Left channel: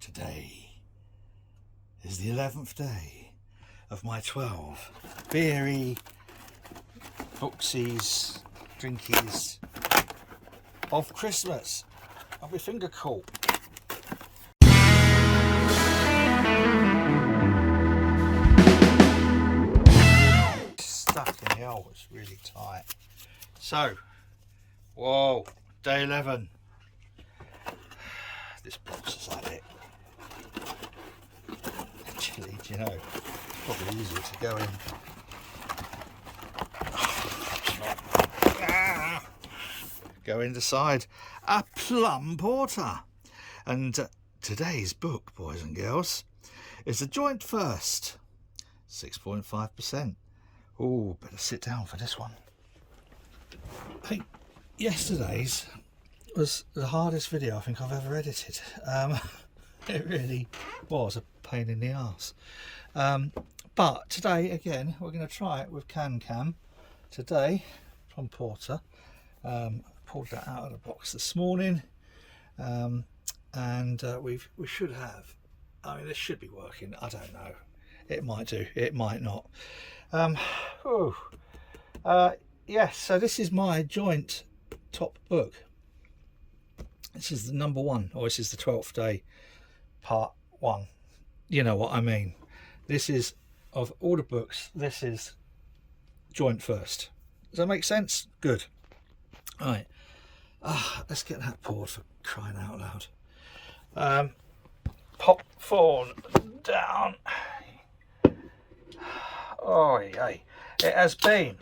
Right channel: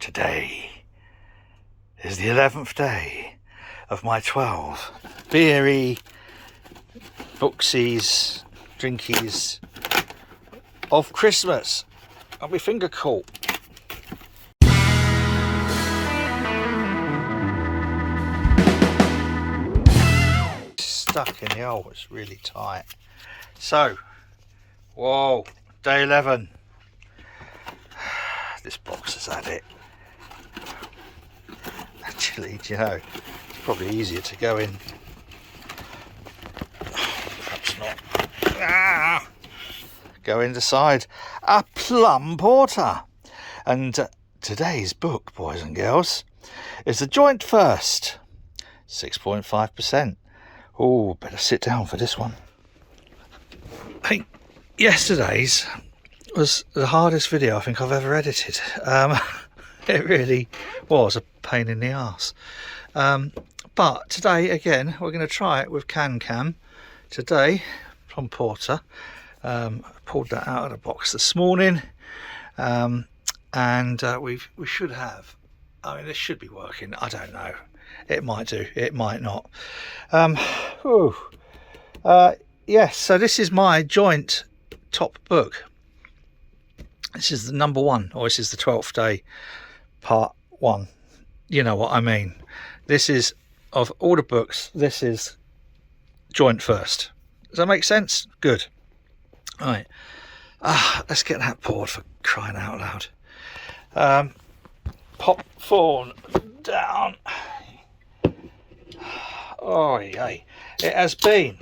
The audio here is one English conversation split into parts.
Today is the 11th day of my 12 beery, booksies, drinkies of Christmas. I'll be finger caught. Stuck in the hole, it's really tight. So, whoa, day 11. This box has had it. Actually, do you know, it's probably easier to go in. Oh, perhaps not. Ah! Go in the side. A plum porter. And today's book, boys and girls, is the Joint First. 6.5%. Oh, better sit down for this one. I think yesterday's was the hardest video I think I've ever edited. It really was a pain in the arse. But today, again, we're going to try it with Can today. Plum porter. Pulled that out of the box this morning, and we should have. I mean, this should be working. I don't know. It might do. It might not. Yes. So this is my joint top book. This is the number one, or this is the 12th day, part one. You know what I mean. This is, of all the books, this is Joint First. Does that make sense? Good. All right. Let's get that poured, for crying out loud. Pop fawn down. Oh, yay. It has been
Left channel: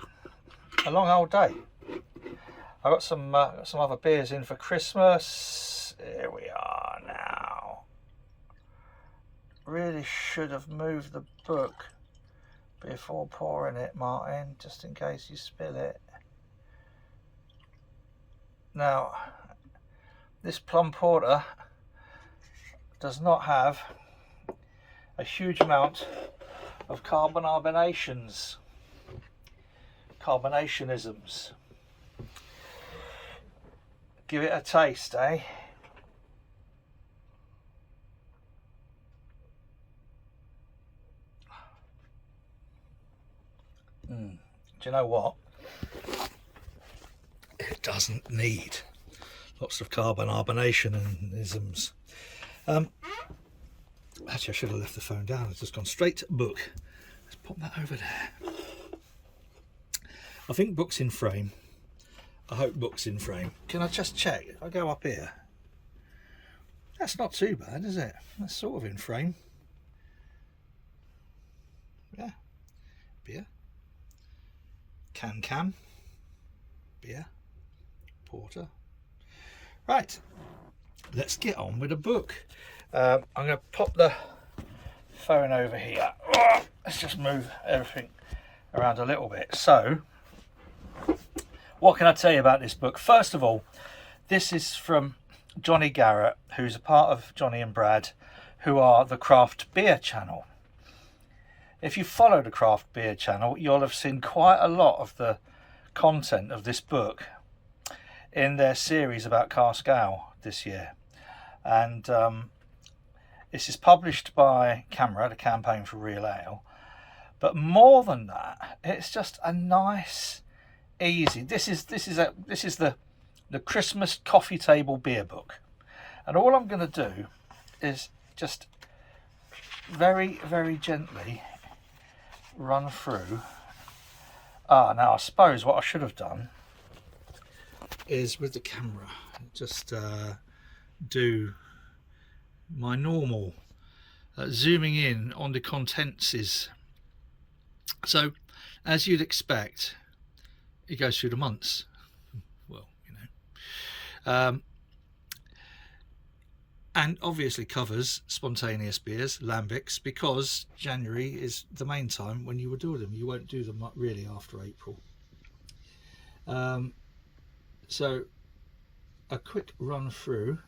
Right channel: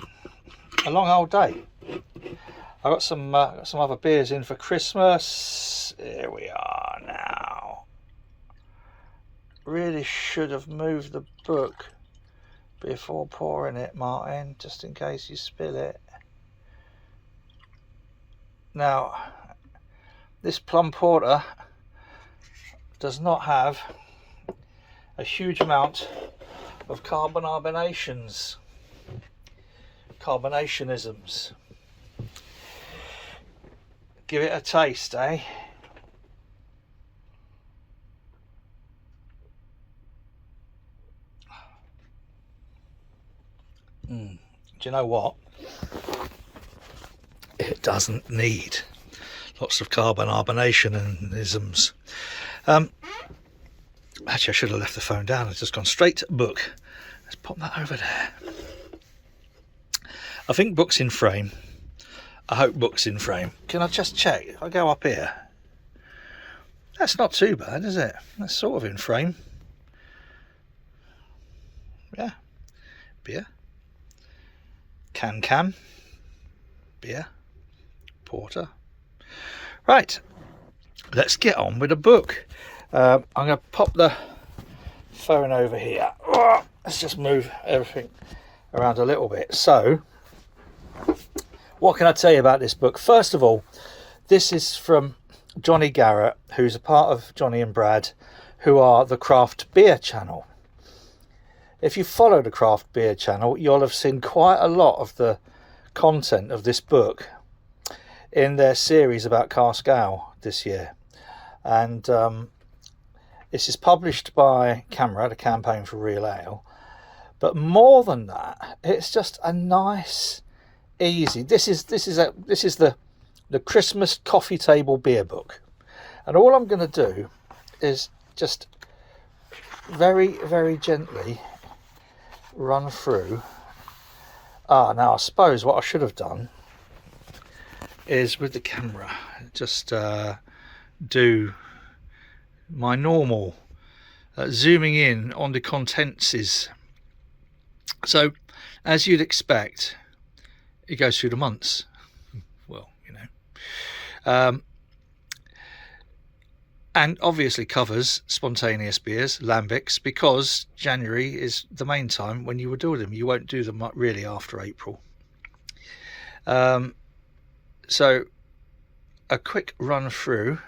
a long old day. I got some other beers in for Christmas. Here we are now. Really should have moved the book before pouring it, Martin, just in case you spill it. Now, this plum porter does not have a huge amount of carbonations, carbonationisms. Give it a taste, eh? Do you know what? It doesn't need lots of carbonationisms. Actually, I should have left the phone down. I've just gone straight to book. Let's pop that over there. I think book's in frame. I hope book's in frame. Can I just check? If I go up here, that's not too bad, is it? That's sort of in frame. Yeah. Beer. Can. Beer. Porter. Right. Let's get on with the book. I'm going to pop the phone over here. Let's just move everything around a little bit. So, what can I tell you about this book? First of all, this is from Jonny Garrett, who's a part of Johnny and Brad, who are the craft beer channel. If you follow the craft beer channel, you'll have seen quite a lot of the content of this book in their series about cask ale this year. And this is published by CAMRA, the Campaign for Real Ale. But more than that, it's just a nice, easy. This is the Christmas coffee table beer book, and all I'm going to do is just very, very gently run through. Now I suppose what I should have done is with the camera just do my normal zooming in on the contents. So, as you'd expect, it goes through the months. Well, you know. And obviously covers spontaneous beers, lambics, because January is the main time when you would do them. You won't do them really after April. So, a quick run through.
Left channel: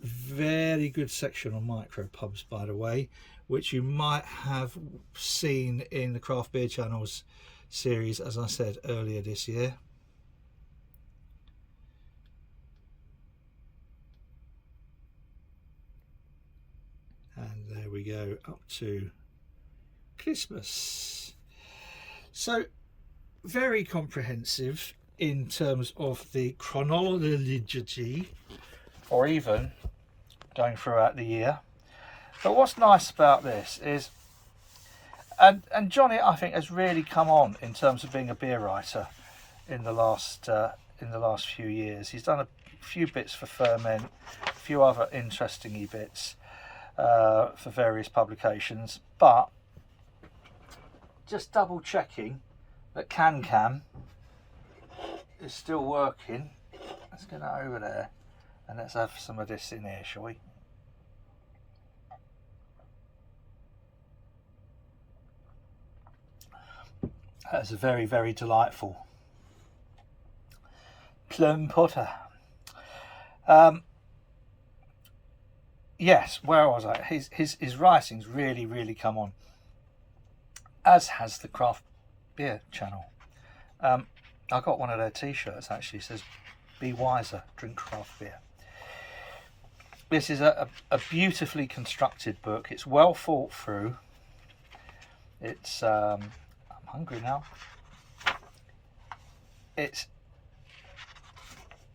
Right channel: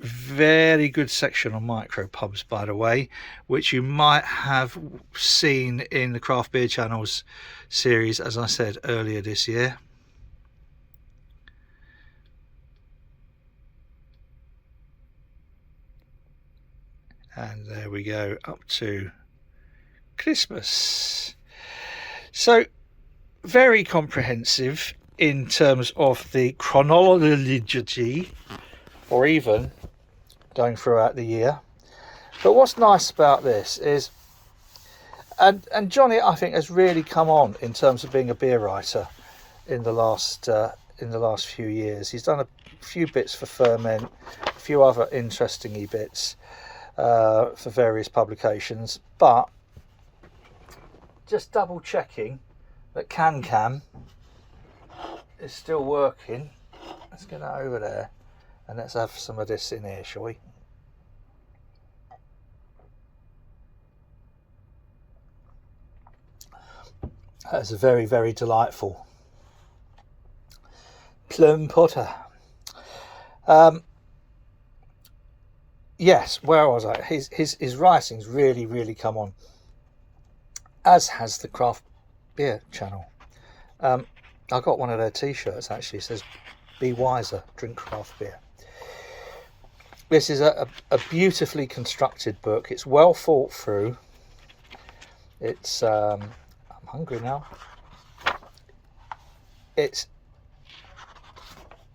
Very good section on micro pubs, by the way, which you might have seen in the Craft Beer Channel's series, as I said earlier this year. and there we go, up to Christmas. So very comprehensive in terms of the chronology, or even going throughout the year. But what's nice about this is, and Jonny, I think, has really come on in terms of being a beer writer in the last few years. He's done a few bits for Ferment, a few other interesting bits for various publications, but just double checking that Can is still working. Let's get that over there and let's have some of this in here, shall we? That's a very, very delightful plum porter. Yes, where was I? His writing's really come on, as has the craft beer channel. I got one of their t-shirts actually. It says "Be wiser, drink craft beer." This is a beautifully constructed book. It's well thought through. It's I'm hungry now. It's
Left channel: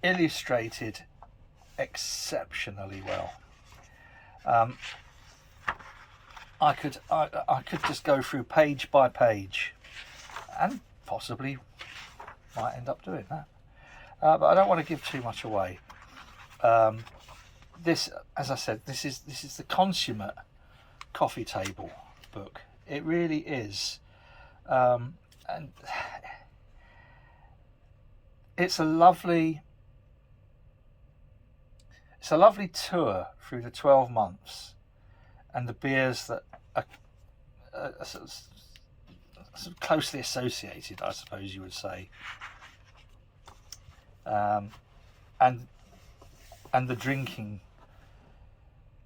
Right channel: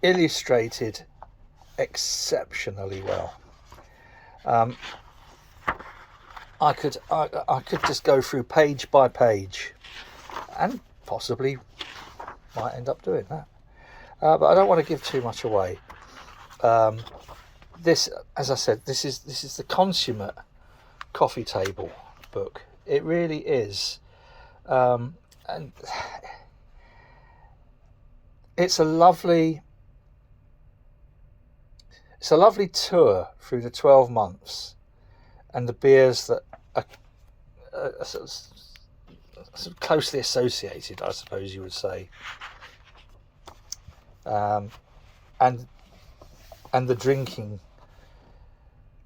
illustrated exceptionally well. I could just go through page by page, and possibly might end up doing that, but I don't want to give too much away. This, as I said, this is the consummate coffee table book. It really is, and it's a lovely tour through the 12 months and the beers that are sort of closely associated, I suppose you would say, and the drinking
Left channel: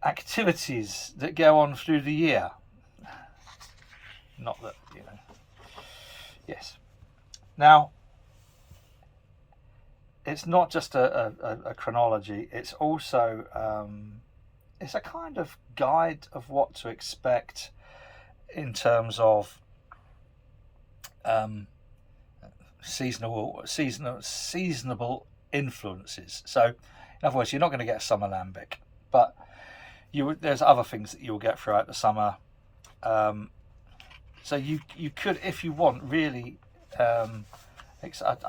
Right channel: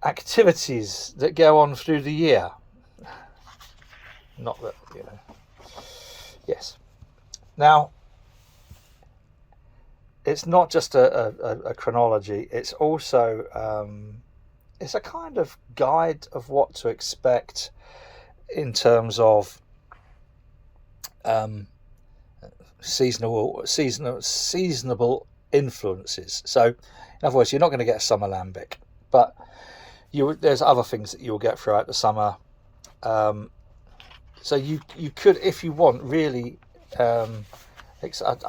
activities that go on through the year. Not that, you know. Yes. Now, it's not just a chronology, it's also it's a kind of guide of what to expect in terms of seasonable influences. So in other words, you're not going to get summer lambic, but there's other things that you'll get throughout the summer. So you could, if you want, really I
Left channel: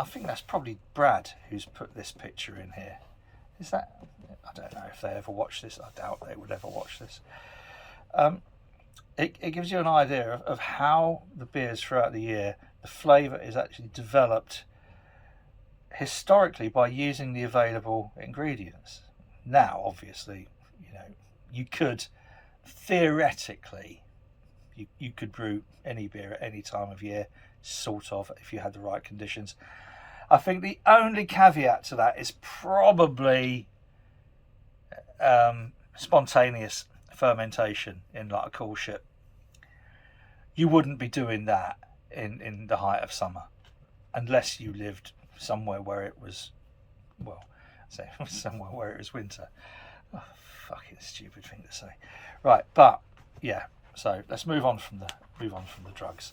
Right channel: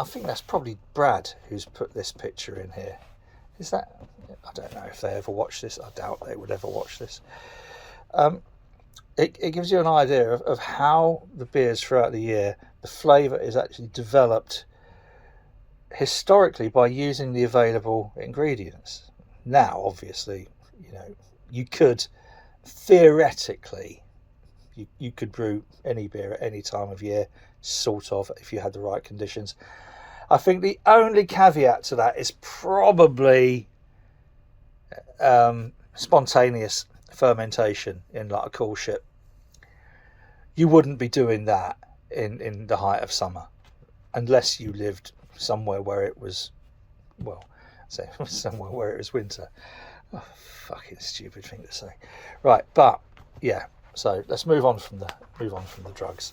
think that's probably Brad who's put this picture in here. Is that? I don't know if they ever watch this. I doubt they would ever watch this. It gives you an idea of how the beers throughout the year, the flavour is actually developed historically by using the available ingredients. Now, obviously, you know, you could theoretically, you could brew any beer at any time of year, sort of, if you had the right conditions. I think the only caveat to that is probably spontaneous fermentation in like a cool ship. You wouldn't be doing that in the height of summer unless you lived somewhere where it was, well, say somewhere where it was winter. Oh, fucking stupid thing to say. Right, but yeah, so let's move on from the drugs.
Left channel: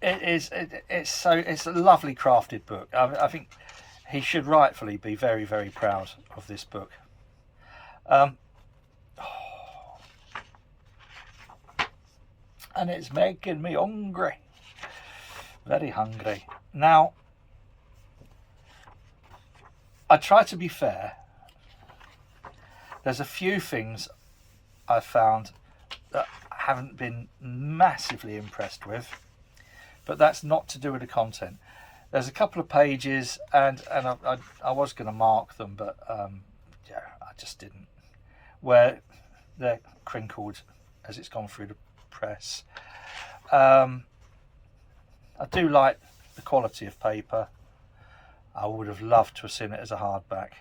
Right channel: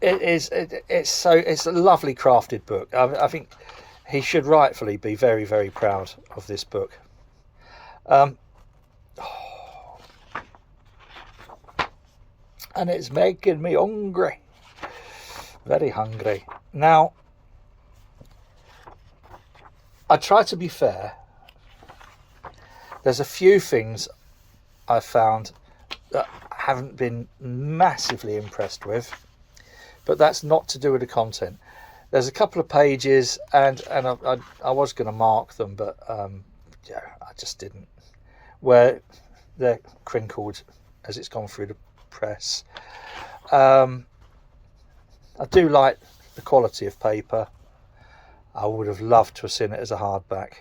It's a lovely crafted book. I think he should rightfully be very, very proud of this book. And it's making me hungry, very hungry. Now, I try to be fair. There's a few things I found that I haven't been massively impressed with, but that's not to do with the content. There's a couple of pages, and I was going to mark them, but yeah, I just didn't. Where they're crinkled as it's gone through the press. I do like the quality of paper. I would have loved to have seen it as a hardback.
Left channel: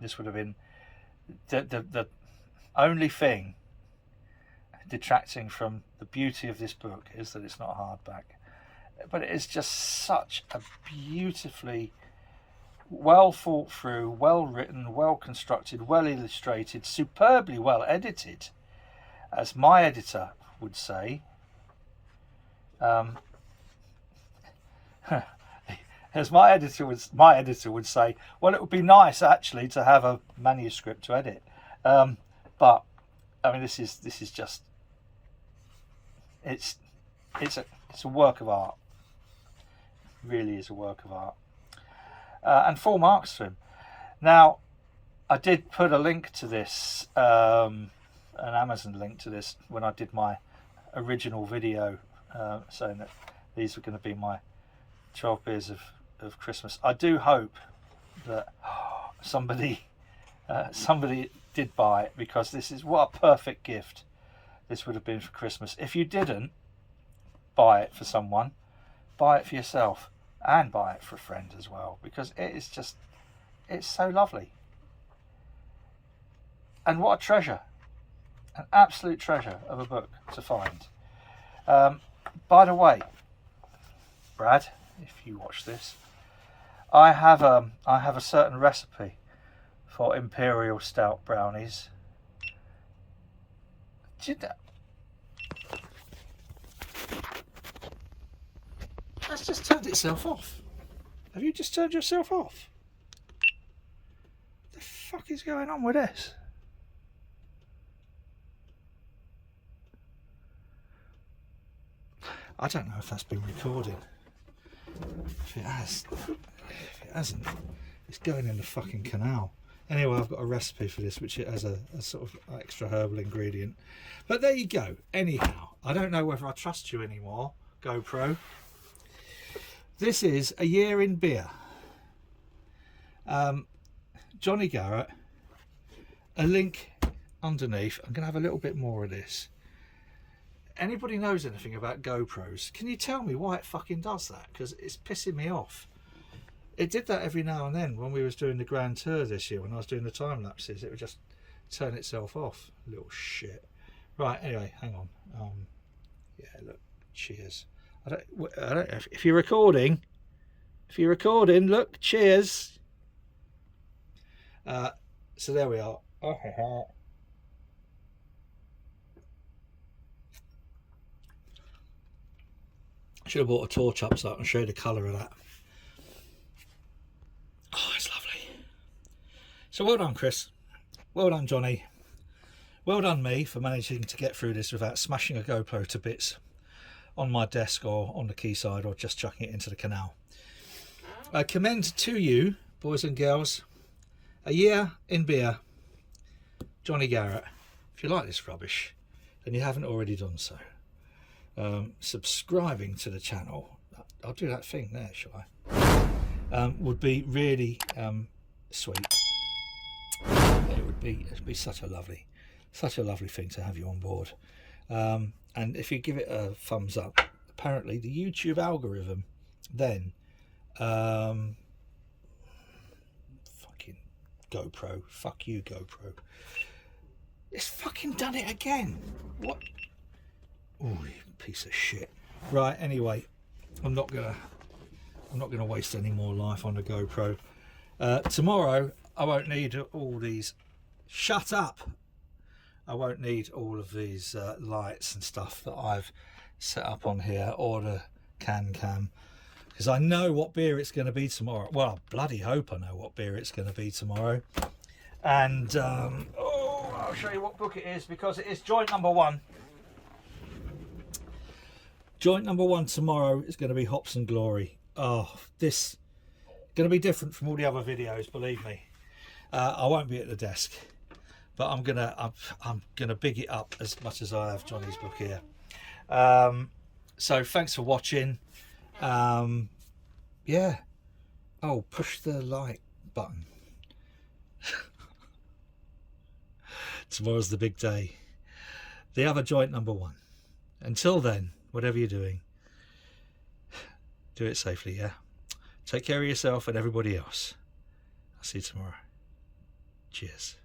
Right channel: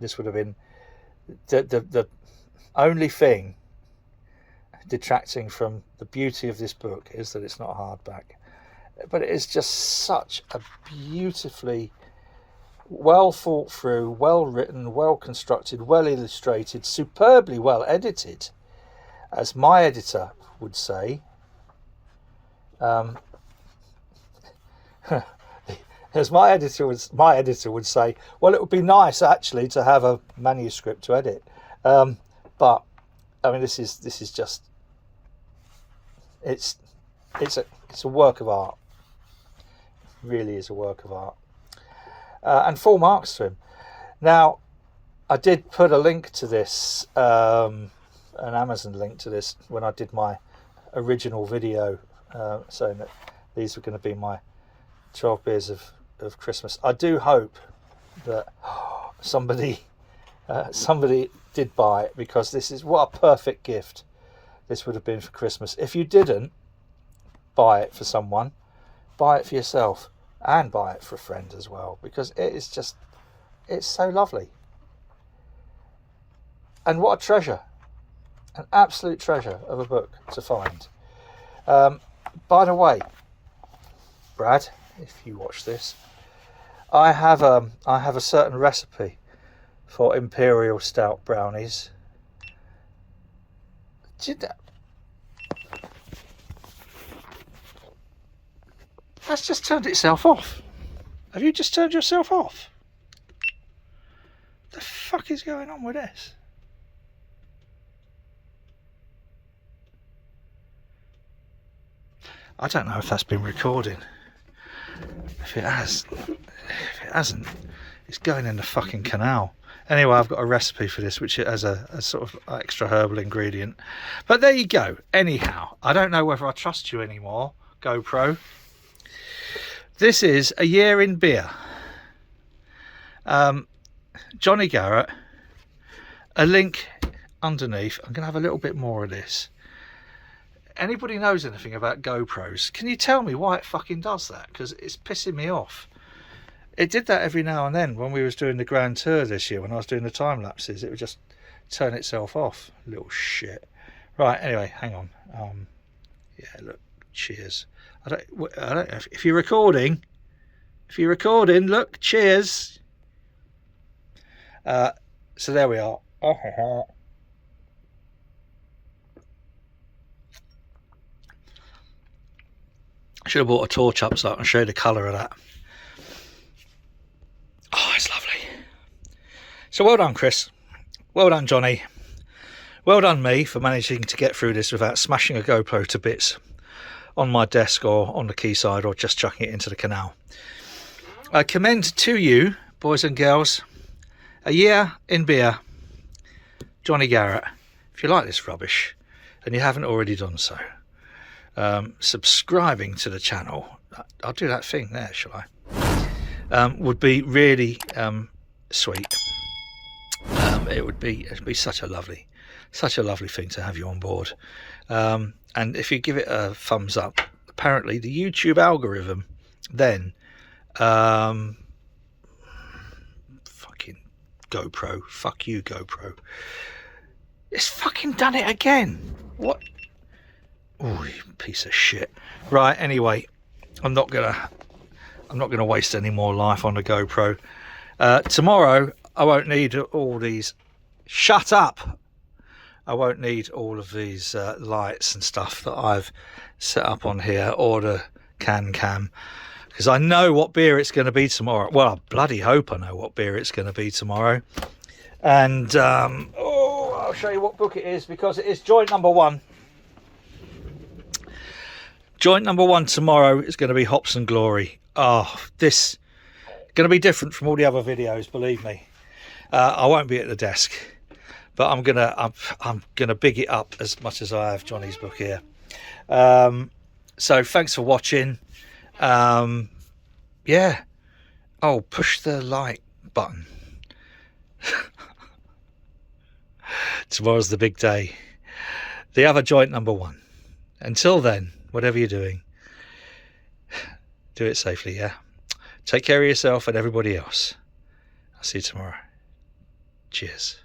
This would have been the only thing detracting from the beauty of this book is that it's not hardback. But it is just such a beautifully well thought through, well written, well constructed, well illustrated, superbly well edited, as my editor would say. As my editor would say, well, it would be nice actually to have a manuscript to edit, but I mean, this is just, it's a work of art. It really is a work of art, and full marks to him. Now, I did put a link to this, an Amazon link to this, when I did my original video, saying that these were going to be my 12 beers of Christmas. I do hope that somebody did buy it, because this is what a perfect gift this would have been for Christmas. If you didn't buy it for someone, buy it for yourself, and buy it for a friend as well, because it is just, it's so lovely. And what a treasure, an absolute treasure of a book to find. By the way, Brad, if you watch this, I have a certain recipe for imperial stout brownies. That's just turned itself off. Have you just turned yourself off? What the fuck is going on with this? I don't know if that's been recording. If it hasn't, it's going in the fucking canal. Anyway, I've got a recipe for this, which has a sort of extra herbal ingredient. But there you go. Anyhow, I don't know whether I trust you anymore, GoPro. This is A Year in Beer. Jonny Garrett. A link underneath. I'm going to have a little bit more of this. Anybody knows anything about GoPros, can you tell me why it fucking does that? Because it's pissing me off. It did that every now and then when we was doing the Grand Tour this year. When I was doing the time lapses, it would just turn itself off. Little shit. Right, anyway, hang on. Yeah, look, cheers. I don't know if you're recording. If you're recording, look, cheers. So there we are. I should have brought a torch up so I can show you the colour of that. Oh, it's lovely. So well done, Chris. Well done, Jonny. Well done, me, for managing to get through this without smashing a GoPro to bits on my desk or on the quayside or just chucking it into the canal. I commend to you, boys and girls, A Year in Beer, Jonny Garrett. If you like this rubbish and you haven't already done so, subscribing to the channel, I'll do that thing there, shall I? Would be really sweet. It would be such a lovely thing to have you on board. And if you give it a thumbs up, apparently the YouTube algorithm then fucking GoPro, fuck you GoPro, it's fucking done it again. What? Oh, you piece of shit. Right, anyway, I'm not gonna waste any more life on the GoPro. Tomorrow I won't need all these. Shut up. I won't need all of these lights and stuff that I've set up on here, or the cam, because I know what beer it's going to be tomorrow. Well, I bloody hope I know what beer it's going to be tomorrow. And I'll show you what book it is, because it is joint number 1. Joint number 1 tomorrow is going to be Hops and Glory. Oh, this is going to be different from all the other videos, believe me. I won't be at the desk, but I'm gonna big it up as much as I have Jonny's book here. So thanks for watching. Yeah. Oh, push the like button. Tomorrow's the big day. The other joint number 1. Until then, whatever you're doing, do it safely, yeah? Take care of yourself and everybody else. I'll see you tomorrow. Cheers.